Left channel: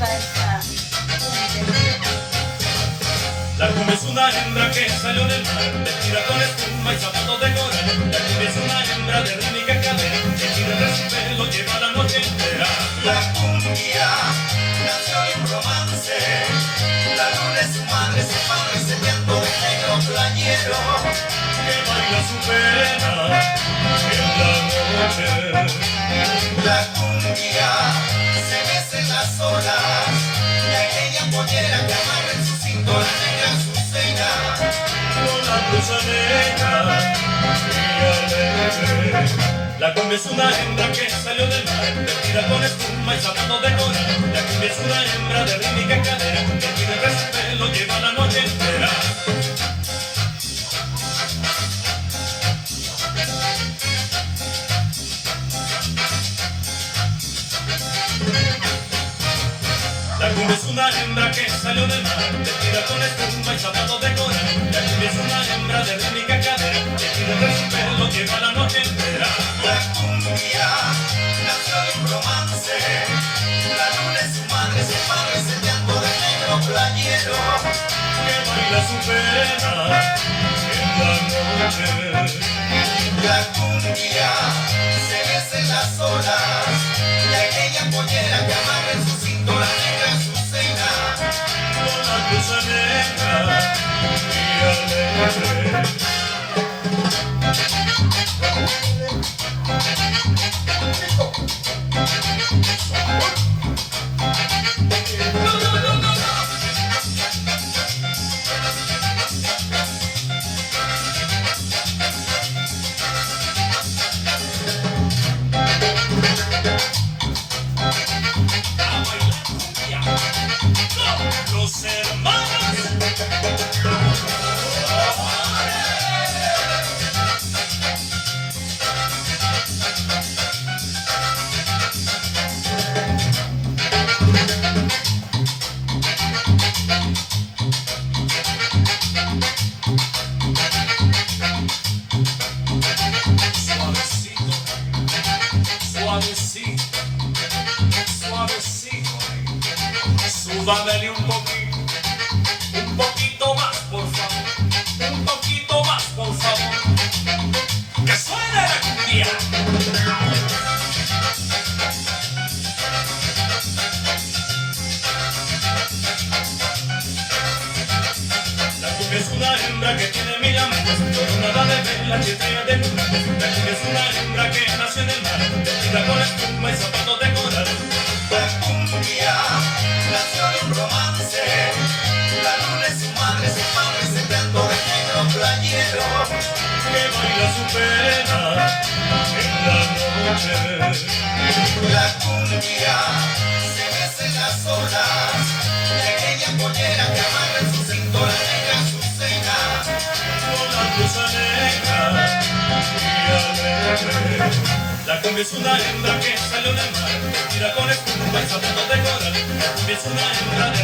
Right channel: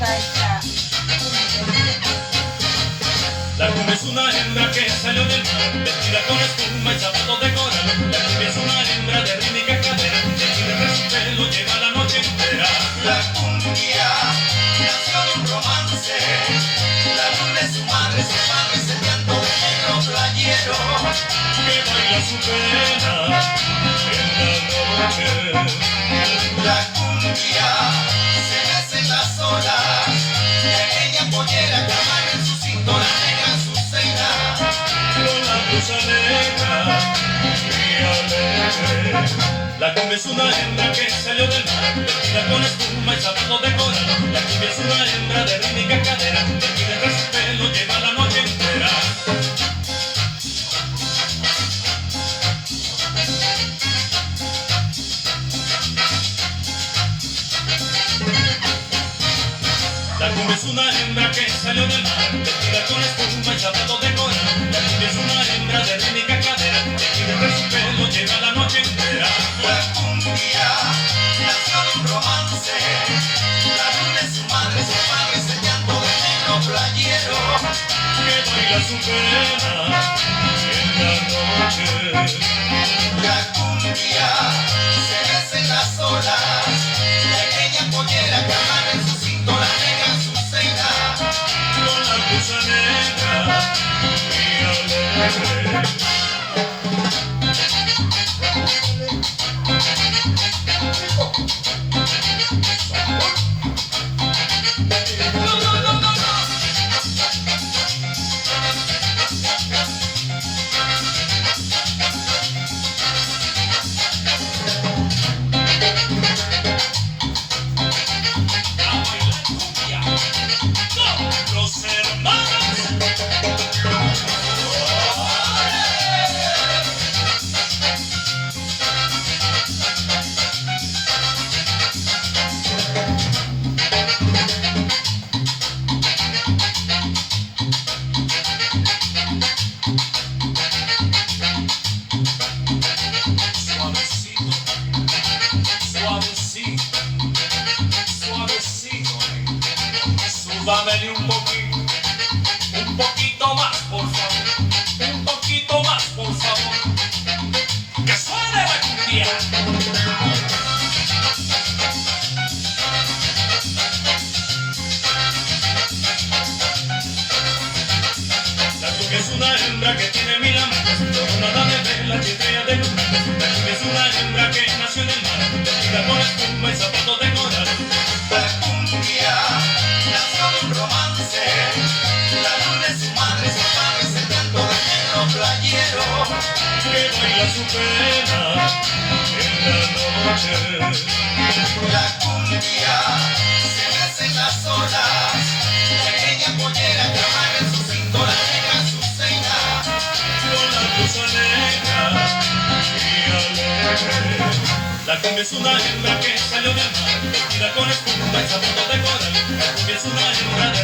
gusta esta cumbia. La cumbia es una hembra que salió del mar, vestida con espuma y zapatos de coral. La cumbia es una hembra de rítmica cadera, que tira tras su pelo lleva la noche entera. La cumbia nació de un romance, la luna es su madre enseñando de negro playero, Que baila su pena en la noche. la cumbia se mece en las olas, y aquella pollera que amarra en su cintura negra en su cena. Con la blusa negra y alegre. La cumbia es una hembra que salió del mar, vestida con espuma y zapatos de coral. La cumbia es una hembra de rítmica cadera, que tira tras su pelo lleva la noche entera. La cumbia es una hembra que salió del mar, vestida con espuma y zapatos de coral. La cumbia es una hembra de rítmica cadera, que tira tras su pelo lleva la noche entera. La cumbia nació de un romance, la luna es su madre enseñando de negro playero, Que baila su pena en la noche. la cumbia se mece en las olas, y aquella pollera que amarra en su cintura negra en su cena. Con la blusa negra y alegre. A bailar cumbia con los hermanos. Suavecito, suavecito, suavecito. Súbamele un poquito más, por favor. Un poquito más, por favor. Que suene la cumbia. La cumbia es una hembra que tiene 1000 amantes, coronada de velas y estrella de luna. La cumbia es una hembra que nació en el mar, vestida con espuma y zapatos de coral. La cumbia nació de un romance, la luna es su madre enseñando de negro playero, Que baila su pena en la noche. la cumbia se mece en las olas, y aquella pollera que amarra en su cintura negra en su cena. Con la blusa negra y alegre. La cumbia es una hembra que salió del mar, vestida con espuma y zapatos de coral. La cumbia es una hembra de